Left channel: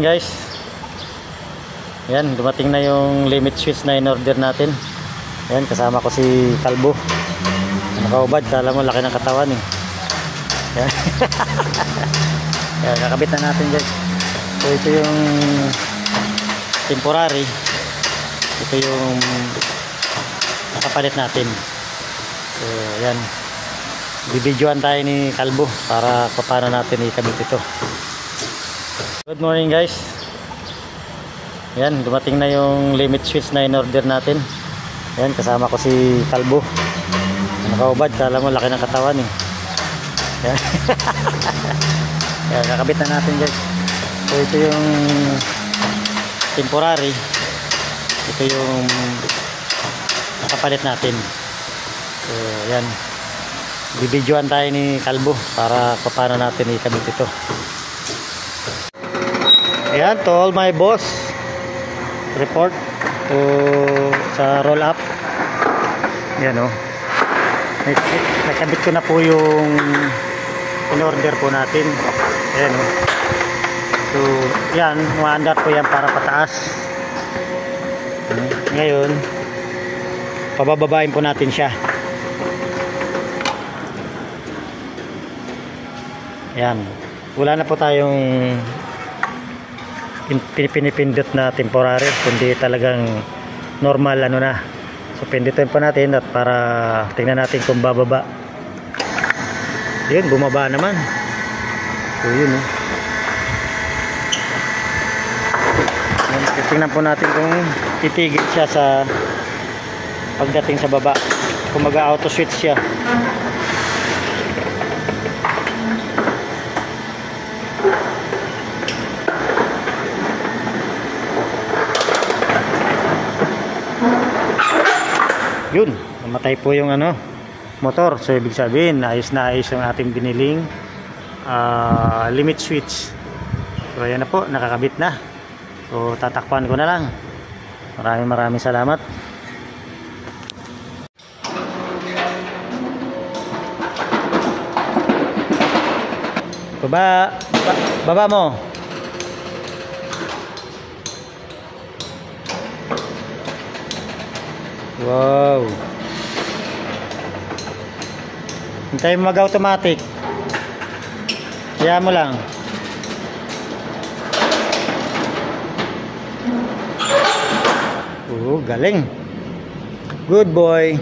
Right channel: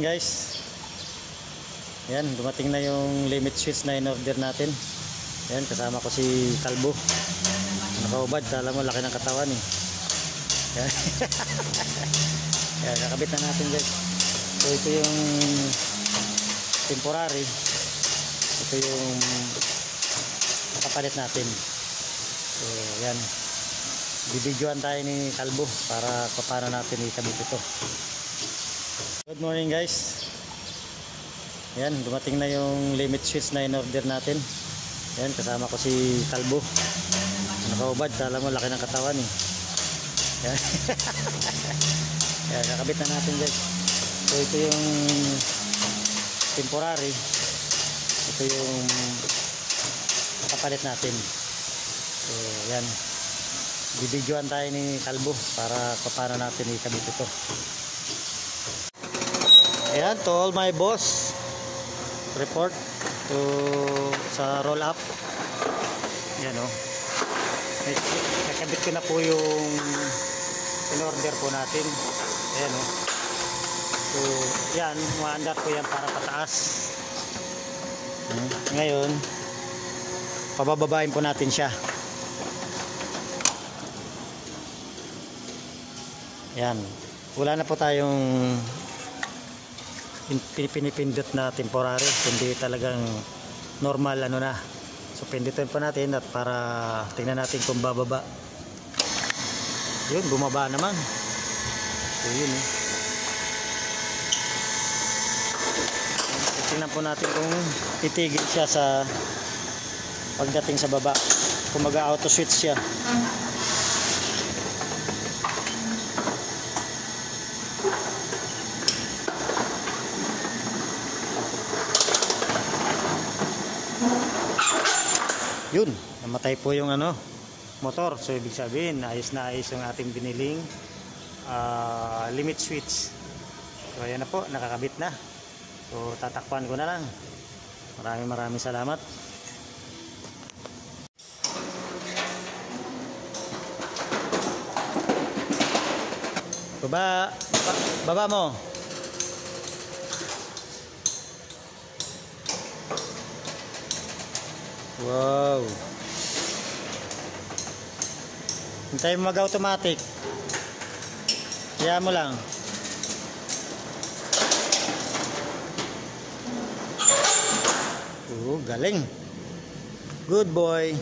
morning guys. Yan, dumating na yung limit switch na in-order natin. Yan, kasama ko si Kalbo. Nakaubad, kala mo laki ng katawan eh. Yan. Yan, kakabit na natin guys. So ito yung temporary. Ito yung nakapalit natin. So yan, bibidyoan tayo ni Kalbo para paano natin ikabit ito. Good morning guys. Yan, dumating na yung limit switch na in-order natin. Yan, kasama ko si Kalbo. Nakaubad, kala mo laki ng katawan eh. Yan. Yan, kakabit na natin guys. So ito yung temporary. Ito yung nakapalit natin. So yan, bibidyoan tayo ni Kalbo para paano natin ikabit ito. Ayan, to all my boss, report to sa roll up. Yan o, nakabit ko na po yung in-order po natin. Ayan o. So yan, umaandar po yan para pataas. Ngayon pabababain po natin siya. Yan, wala na po tayong pinipindot na temporary, kundi talagang normal ano na. So pindutin po natin at para tingnan natin kung bababa. Yun, bumaba naman. So yun eh. Yan, tingnan po natin kung titigil siya sa pagdating sa baba, kung mag-auto switch siya. Yun, namatay po yung ano, motor. So ibig sabihin, ayos na ayos yung ating biniling limit switch. So ayan na po, nakakabit na. So tatakpan ko na lang. Maraming salamat. Baba mo. Wow. Hintayin mo mag-automatic. Kaya mo lang. Galing. Good boy.